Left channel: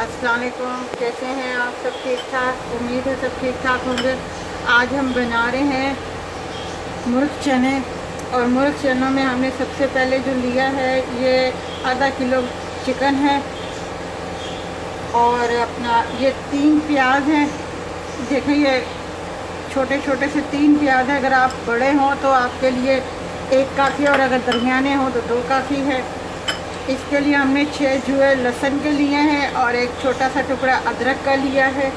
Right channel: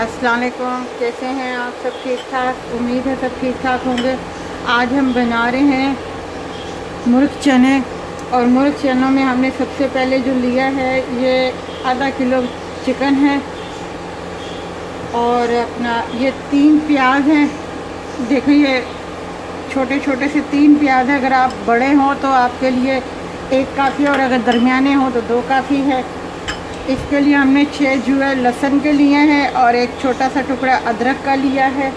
अस्सलाम वालेकुम, कैसे हैं आप? सब ठीक ठाक? उम्मीद है सब ठीक ठाक होंगे। आज हम बना रहे हैं मुर्ग चने। और मुर्ग चनों में हमने सबसे पहले जो लिया है ये आधा किलो चिकन है और अपना ये 3 प्याज हैं। देखिए ये छोटे छोटे से 3 प्याज हैं। अगर आप बड़े हों तो आपके लिए 1 काफ़ी, और अगर दरमियाने हों तो 2 काफ़ी है। इसके लिए हमने 6 जुए लहसुन के लिए हैं और एक छोटा सा टुकड़ा अदरक का लिया है।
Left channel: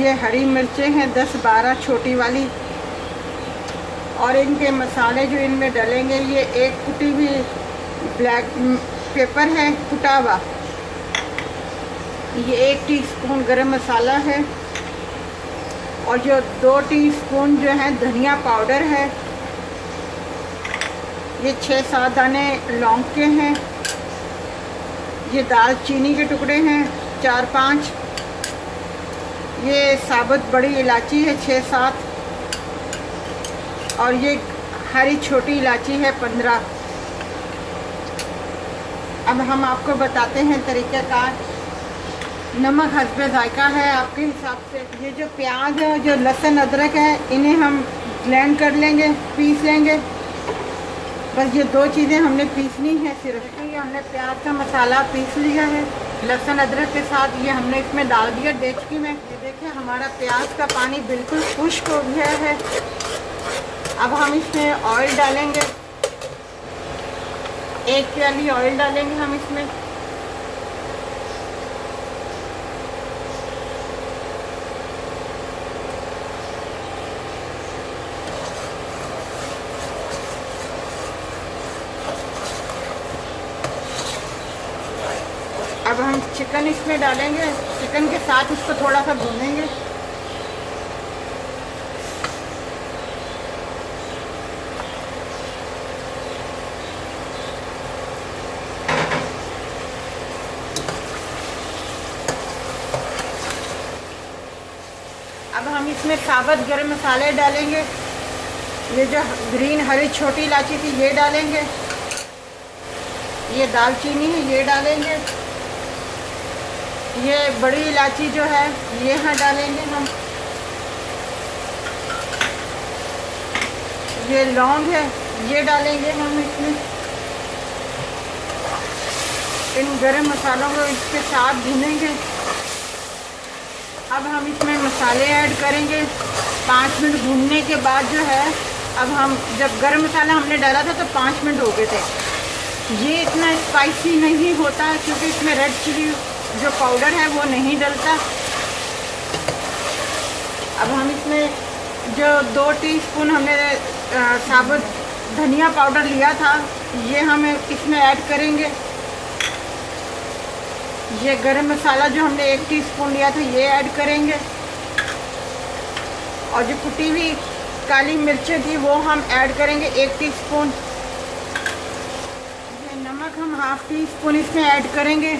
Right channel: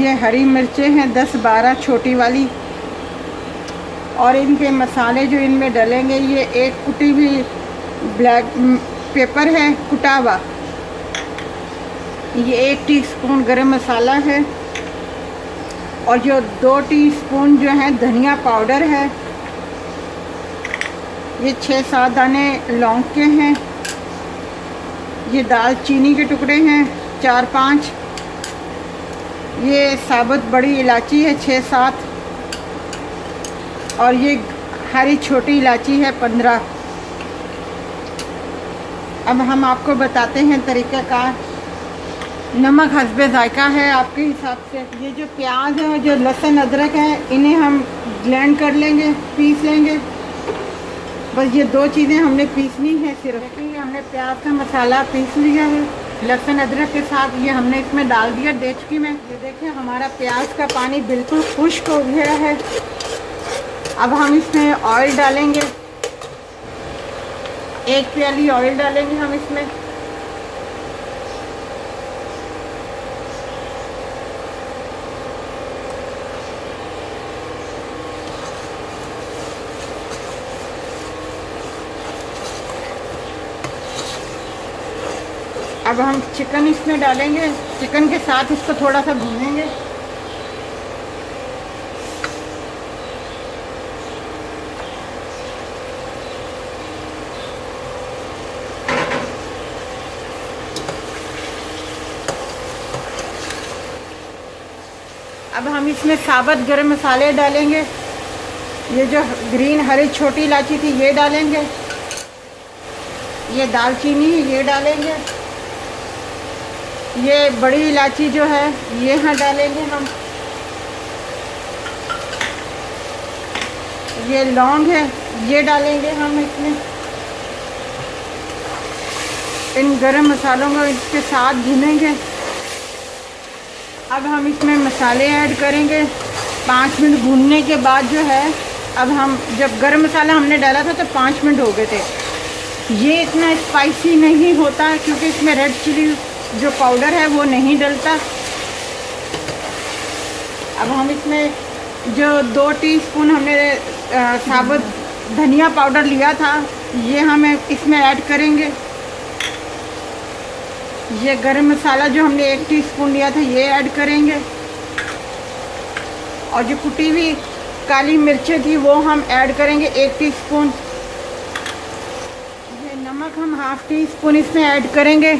ये हरी मिर्चें हैं 10-12 छोटी वाली। और इनके मसाले जो इनमें डलेंगे, ये एक कुटी हुई ब्लैक पेपर है कुटा हुआ, ये 1 टीस्पून गरम मसाला है और जो 2 टीस्पून जो है धनिया पाउडर है। ये 6-7 दाने लौंग के हैं। ये दालचीनी के टुकड़े हैं 4-5। ये साबुत बड़ी इलायची है 6-7 और ये हरी छोटी इलायची है 15। अब हम आपको बताते हैं तरीक़ाकार। नमक हस्बे जायका है आपके हिसाब से। ये जो प्याज है, जो लहसुन अदरक है, इन्हें हम ब्लेंड कर लेंगे, पीस लेंगे। बस ये 2 चीज़ें हमने पीसनी है सिर्फ। ये हमने प्याज का मसाला पीस लिया है लहसुन अदरक के साथ। ये हमने इसमें डाल दिया डेचकी में। ये देखिए हमारा प्याज का पानी बिल्कुल खुश्क हो गया है। अब हम इसमें ऑयल डालेंगे, 1 प्याली ऑयल डालेंगे हम इसमें। अब हम चिकन इसमें डालेंगे, चिकन के साथ इसको थोड़ा सा भूनेंगे। अब हम इसमें साबुत गरम मसाले डालेंगे। ये जो ग्रीन हरी छोटी इलायची थी ये डालेंगे, ये दालचीनी ये डालेंगे, ये बड़ी इलायची जो है ये है डालेंगे हम, ये लौंग है ये डालेंगे हम इसमें। इन गरम मसालों को इसके साथ भूनेंगे। अब हम इसमें मसाले ऐड करेंगे। 5 मिनट भूनने के बाद जो है, अब हम जब गरम मसाला हमने डाला था तो 5 मिनट हो गए थे। ये इतना स्पाइसी नहीं होता क्योंकि इसमें रेड चिली जो पाउडर है वो नहीं डलता। अब हम इसमें जो 2 टीस्पून हमने साबुत धनिया पाउडर लिया था ये हम इसमें ऐड करेंगे। ये गरम मसाला जो हमने 1 टीस्पून लिया था ये ऐड करेंगे। और जो कुटी हुई काली मिर्चें थी वो हम ऐड करेंगे 1 टीस्पून। ये नमक हम 1/2 टीस्पून इसमें ऐड करेंगे।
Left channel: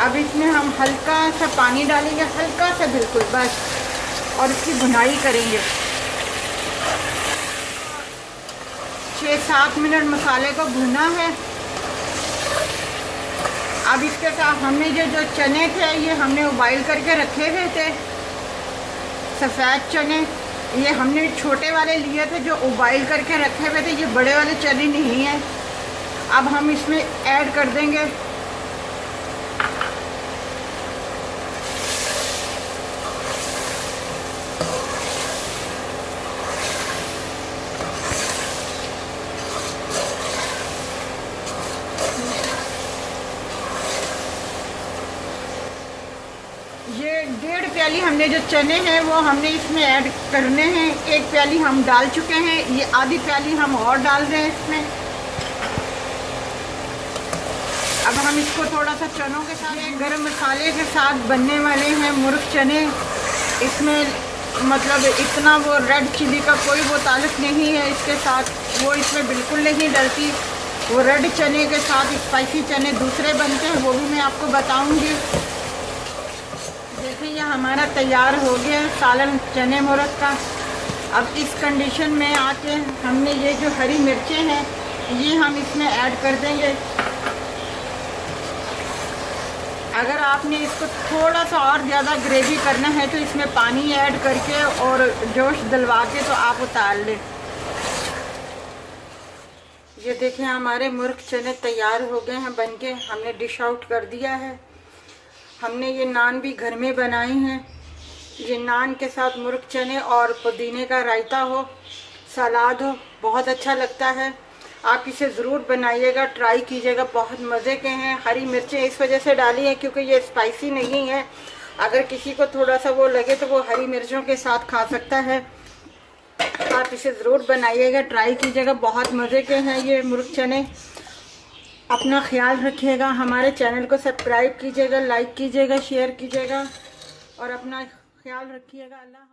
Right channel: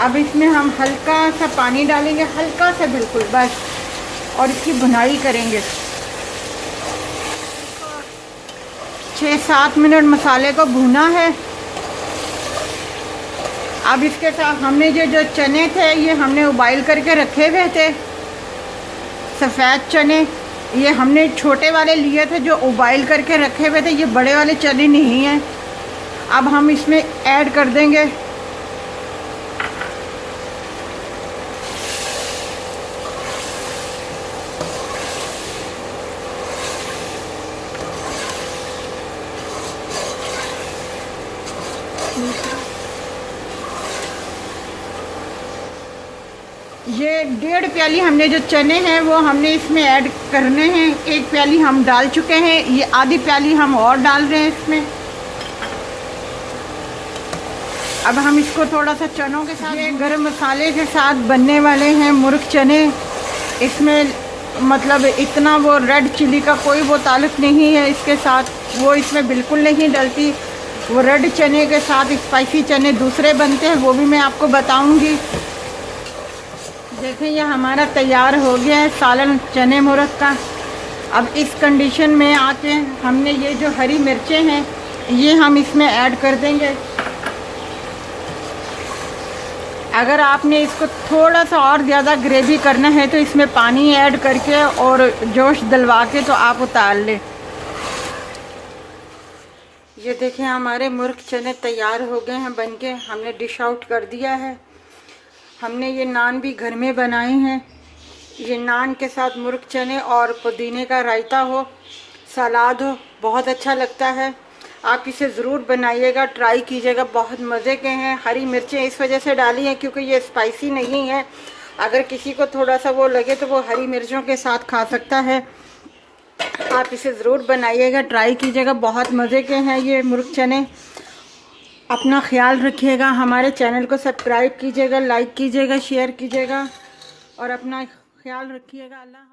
अब इसमें हम हल्का सा पानी डालेंगे, हल्का सा बिल्कुल बस, और इसकी भुनाई करेंगे। 6-7 मिनट मसाले को भुना है। अब इसके साथ हमने जो चने थे ये हमने उबाइल करके रखे हुए थे, सफ़ेद चने। ये हमने छोटे वाले लिए थे जो उबाइल करके रखे हुए थे, ये बड़े वाले चने नहीं हैं। अब हम इसमें ऐड कर देंगे। ये 1.5 प्याली हमने जो चने हैं वो हमने इसमें ऐड करने हैं। 1 प्याली हम डाल चुके हैं, ये आधी प्याली हम और डाल रहे हैं इसमें। अब हम इसको थोड़ा सा चनों के साथ, ये गरम मसाले के साथ बनने वाले हैं मुर्ग चने। इसमें मतलब इतना वो रेड चिली का कोई वो ताल्लुक़ नहीं है इसके साथ, वो इसमें बिल्कुल नहीं डलती। वो रेड चने के साथ स्पाइसी चने दूसरे बनते हैं, वो भी मैं आपको बताऊंगी। देखिए ये हमारा तैयार हो गया है सालन चने मुर्ग का। अब इस कंडीशन में आके हमने ये जो हरी मिर्चें हैं ये हम इसमें ऐड कर देंगे। अगर आपने इसको थोड़ा सा और ज़्यादा ग्रेवी करना है तो इसमें पानी ऐड करके और जोश दिलवा के तो आप उतार लें। ये देखें हमारे मुर्ग चने तैयार हो गए हैं बनके, हमने डिश आउट कर दिया है। हमने ये नान भी घर में बनाए हैं। ये नान के साथ मुर्ग चने और पुदीने का रायता हो, सलाद हो, बहुत अच्छा लगता है। आप इसे ज़रूर बनाइएगा, ट्राई कीजिएगा, बहुत मज़े के हैं। हरी मिर्चें इस वजह से डाली हैं क्योंकि ये स्पाइसी नहीं है। अगर किसी को थोड़ा सा वो लगे तो वो हरी मिर्चों के साथ खा सकता है। आप इसे ज़रूर बनाइएगा, ट्राई कीजिएगा, बहुत मज़े के हैं ये मुर्ग चने। अपना ख्याल रखिएगा, हमारे चैनल को सब्सक्राइब कीजिएगा, लाइक कीजिएगा, शेयर कीजिएगा और अपना ख्याल रखिएगा। अल्लाह।